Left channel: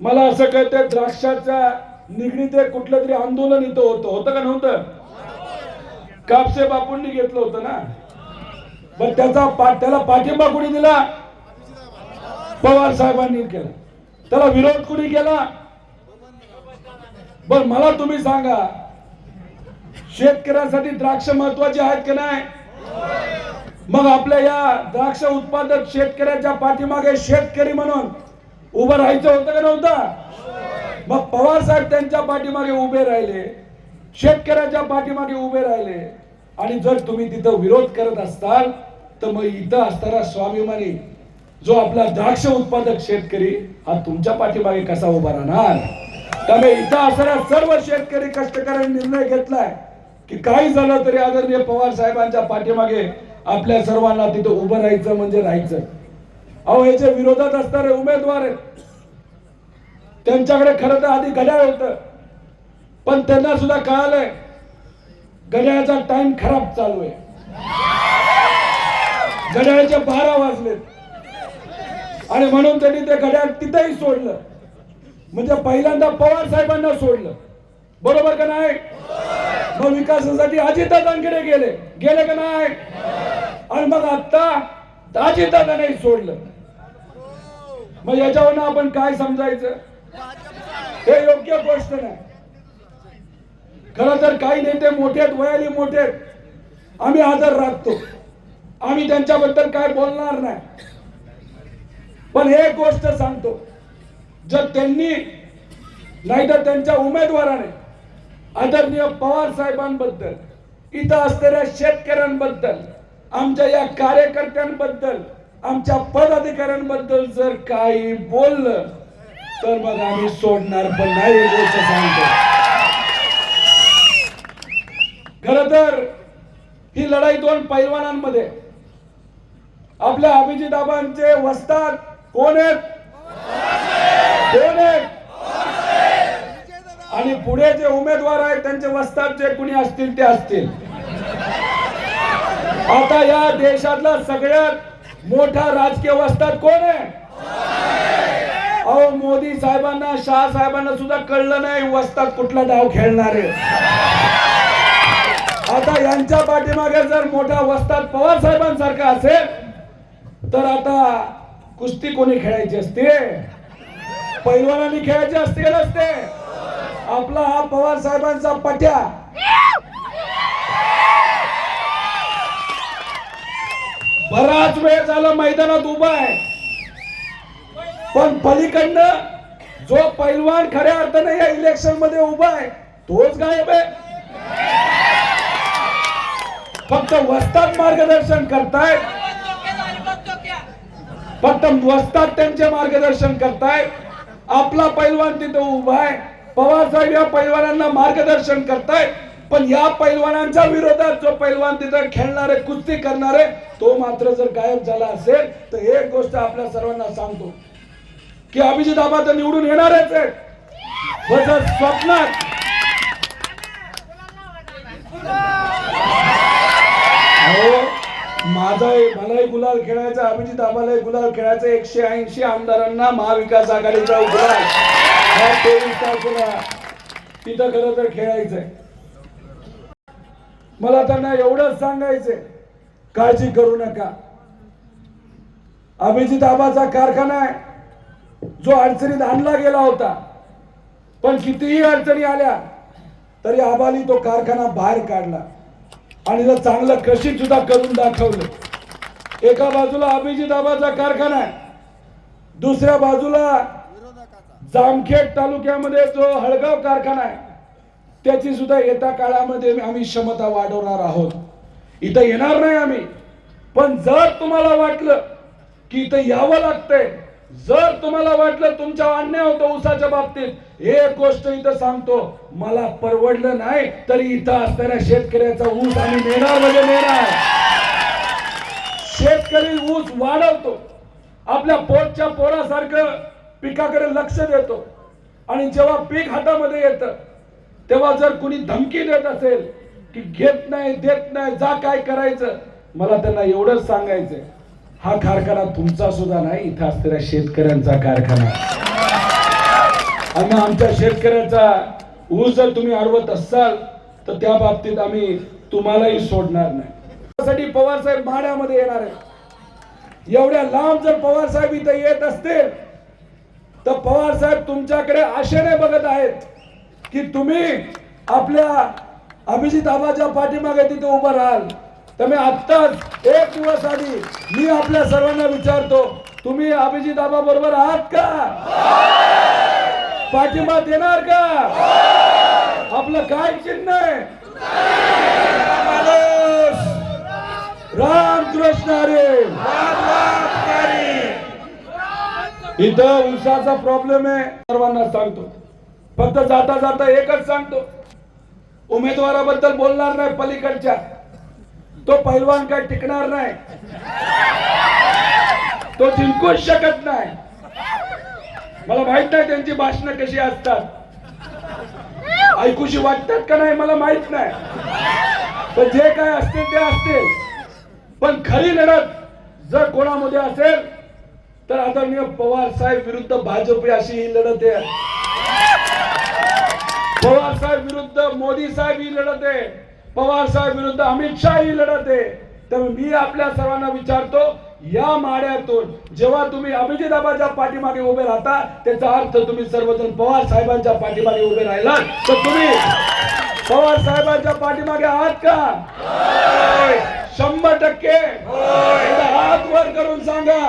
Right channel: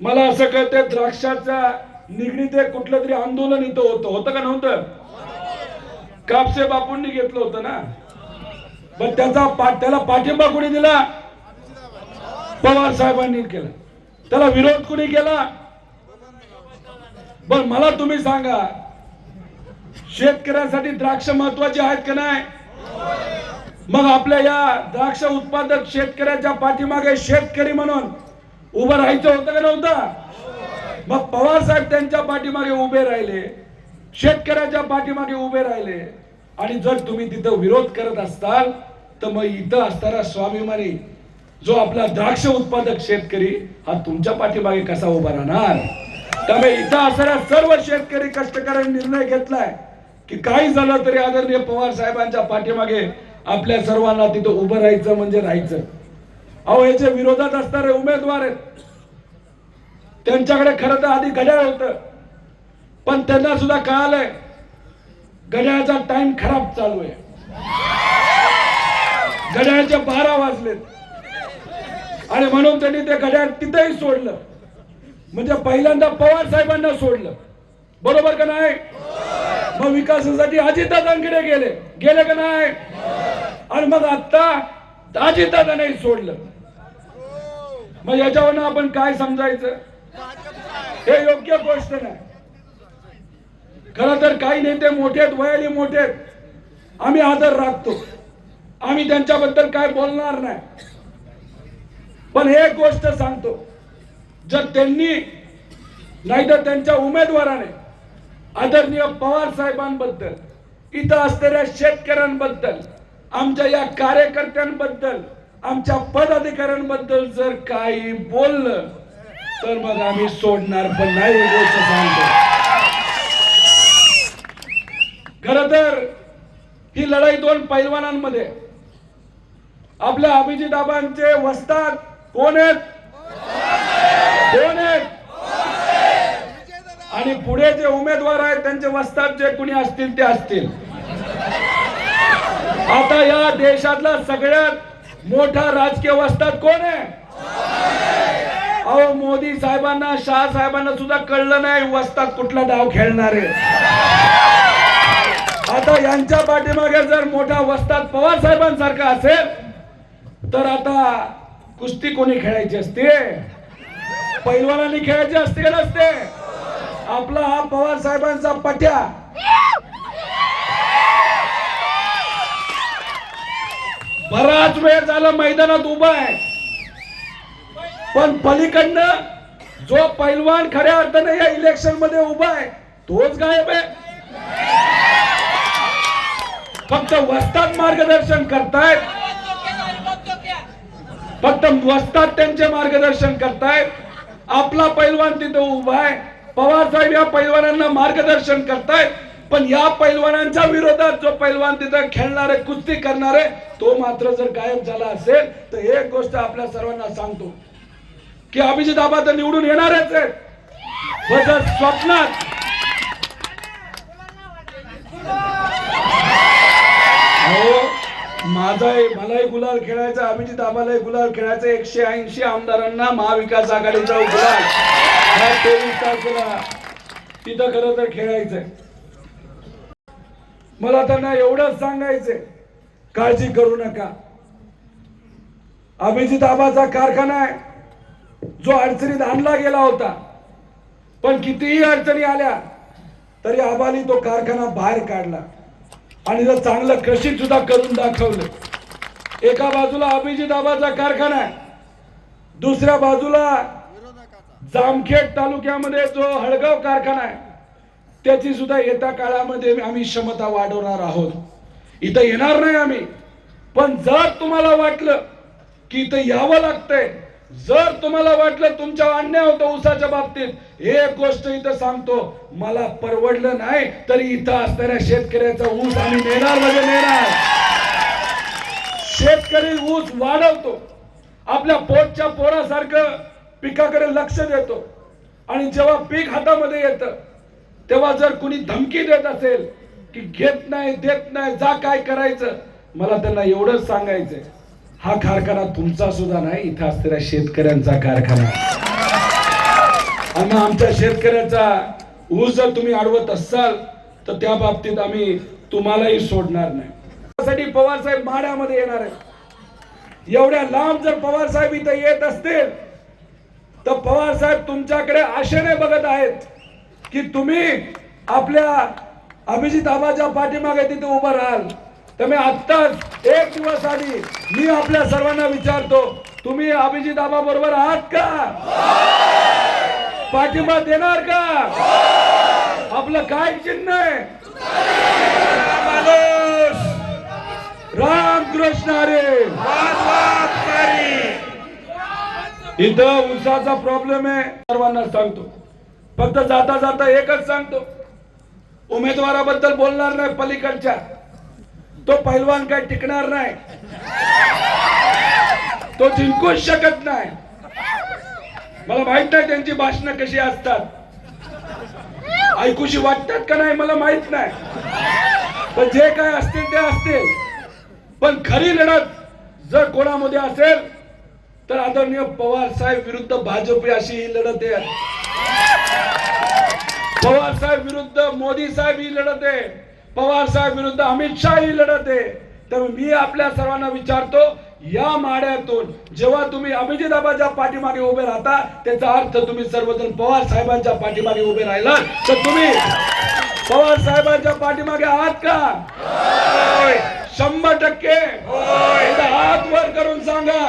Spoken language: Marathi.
मला असं कळतंय द्राक्षाच्या निगडीत एक कुठलं तरी आंदोलन इथं होतं. होतं का नव्हतं? कापसे बापूंनी घेतलं होतं ना? पण त्याचा त्याला पाठिंबा कुणी दिला? पवार साहेबांनी केला. त्याला विरोध कुणी केला? बर मला तुम्ही सांगा शेतकऱ्यांसाठी द्राक्ष महत्त्वाचे आहेत का नाही? मग आपल्या या द्राक्ष उत्पादक शेतकऱ्याच्या पाठीमागे शेतकरी म्हणून उभं राहायचं होतं का नव्हतं? मग पवार साहेब त्यांच्या पाठीमागे उभे राहिले शेतकऱ्याच्या पाठीमागे उभे राहिले. आणि जर तुम्ही तिथं विरोध करत असताल तर मग इथं असणारा स्वाभिमानी जो आपला द्राक्ष उत्पादक शेतकरी हा तुमच्या पाठीमागे कसा उभा राहणार? त्यामुळे इथं असणारा सर्व शेतकरी कष्टकऱ्यांनी निर्णय घेतलाय की काही झालं तरी आदरणीय पवार साहेबांच्या पाठीमागे आपल्या सर्वांना तिथं उभं राहायचं म्हणजे राहायचं. अहो याच्या विरोधात असणारे उमेदवार आहेत त्यांच्याकडे खरं तर आधी घड्याळ होतं. पण त्यांना सुद्धा कळालंय घड्याळाचा टाइम खराब चालू आहे. घड्याळाचे बारा वाजलेत. आणि म्हणून त्यांनी ते घड्याळ तिथेही सोडलं. म्हणजे पहिल्यांदा पवार साहेबांना सोडलं. बरोबर का नाही? मग विकासासाठी अजितदादांकडे गेले. गेले का नाही? आणि मग आता अजितदादांनाही सोडलं. मग याच्यावरनं आपण काय समजायचं? हे योग्य गोष्ट नाही. खर तर काही नेते मोठे आहेत वयाने मोठे आहेत. आम्ही आदर राखतो. आम्ही त्यांच्याबद्दल काय बोलणार नाही. पण हे गोष्ट सांगतो. जर त्यांनी नाहीतर त्यांच्या उमेदवाराने आदरणीय पवार साहेबांबद्दल इथं असलेल्या शेतकऱ्यांबद्दल आमच्या या कार्यकर्त्यांबद्दल आमच्या पदाधिकाऱ्यांबद्दल जर काही बोललं तर मग आम्ही सोडणार पण नाही गोष्ट सांगतो. खर तर ही लढाई दोन पैलवानांमध्ये. आपल्या अभिजित आबांचे वस्ताद कोण आहेत? कोण आहेत? आणि पुढे जे उमेदवार आहेत त्यांचे वस्ताद जे कुणी असतील ते असतील. आता या देशातला सगळ्यात मोठा राजकीय वस्तात कोण आहे? अहो मोदी साहेबांना शाह साहेबांना सुद्धा कळलं नाही वस्तात कुठला डाव खेळणार आहे. आता यांच्या पाठीमागे जर मोठा वस्तात पवार साहेबांसारखा असेल तर आता कुस्ती कोणी खेळायची असते? पैलवानांनी खेळायची असते का नसते? आपला हा पवार साहेबांचा पट्या बराच वेळ झाला मैदानात उभा आहे. पण पलीकडनं जो पैलवान खऱ्या अर्थाने या इलेक्शनमध्ये उभा आहे तोच गायब आहे. फक्त वस्तात मार्गदर्शन करतायत. फक्त वस्तात त्यांचे मार्गदर्शन करतायत. आपला पैलवान तिथं उभा आहे. पवार साहेब या पैलवानांना मार्गदर्शन करतायत. पण या पैलवानांच्या विरोधात जो पैलवान तिथे खेळणारे कुस्ती करणारे तो मात्र जर गायब झाला असेल तर एक गोष्ट आपल्या सर्वांना सांगतो की अभिजित आबा तर निवडून येणारच आहेत. स्वप्नात माझाही मलाही गुलाल खेळायचा अभिजित आम्हालाही गुलाल खेळायचा एकशे ऐंशी आमदारांना महाविकास आघाडीचा गुलाल तेवीस तारखेला तिथं खरं तर खेळायचंय. मला त्यांना एवढंच सांगायचंय. काळजी करू नका. अभिजित आबाचा कारखाना आहे. जो अडचणीत आणला गेला होता. पण कितीही अडचणी आल्या तरी आबाली तो कारखाना बाहेर काढला. आणि जर चांगलं कृषी सुद्धा करून दाखवलं. एका बाजूला अभिजित आबाचा कारखाना आहे. दुसऱ्या बाजूला जामखेड तालुक्यामध्ये जो हळगाव कारखाना आहे. त्याची सुद्धा येत्या काळामध्ये आम्ही क्षमता वाढवणार आहोत. इथं येणार नाही आम्ही. पण जर तुम्हाला वाटलं की इथं यावं लागतंय जर तुम्हाला वाटलं तुमच्या अन्याय होतं ऊसाच्या बाबतीत एक गोष्ट इथं सांगतो मला परवडलं नाही तरी इथं असणाऱ्या शेतकऱ्याचा ऊस आम्ही नेणार म्हणजे नेणार. शेतकरी ऊस वाढवतो आपल्या पोटच्या पोरासारखं पिकाकडे लक्ष देतो आणि जेव्हा पीक हातामध्ये येतं तेव्हा जर कुणी धमकी देत असेल की घेत नाही देत नाही जा काय करायचं मला त्यांना एवढंच सांगायचंय. हा कारखाना तुमचा सुद्धा नाही इथं असलेल्या शेतकऱ्यांचा कारखाना. आणि आमच्या शेतकऱ्याचा ऊस जर तुम्ही अडवत असाल तर त्या बाबतीत आम्ही तुम्हालाही सोडणार नाही. त्यासाठी पवार साहेब माड्यामध्ये येणार आहेत. एवढ्या लांब जर पवार साहेब इथं येत असतील तर पवार साहेब तुमच्याकडे आशेने बघत आहेत. की तुम्ही आपल्या अभिजित आबाच्या पाठीमागे तिथे उभं राहाल. त्यामुळे आत्ताच एक दिवस आधी मी आपल्या सर्वांना विचारतो तुम्ही अभिजित आबा बरोबर आहात का? पाठिंबा देणार का? आपलं काय चिन्ह आहे? रामकृष्ण अरे इथं उसाचा प्रॉब्लेम आहे. सर्वांना सांगतो. फक्त जाता जाता एकच सांगतो. उमेदवाराबद्दल बोलणार नाही पलीकडच्या. तो पैलवान काय टिकणार नाही. तो जिंकूच शकत नाही. मला माहीत नाही त्यांची भाषणं कशी असतात. ऐकूशी वाटतात का नाही मला माहीत नाही. पण जे काय असतील ते असतील. पण खरी लढत जर कोणामध्ये असेल तर आदरणीय पवार साहेब विरुद्ध भाजप अशी ही लढत आहे. पवार साहेब विरुद्ध मोदी साहेब ही लढत आहे. पवार साहेब विरुद्ध अमित शाह ही लढत आहे. त्यामुळे मी आपल्या सर्वांना विचारतो या माड्यातून जेव्हा तुम्ही अभिजिताबाच्या पाठीमागे उभे राहता त्याचा अर्थ तुम्ही सर्वजण पवार साहेबांच्या पाठीमागे उभे राहिला तर तुम्ही पवार साहेबांच्या पाठीमागे आहात का? शंभर टक्के. हात वर करून सांगा.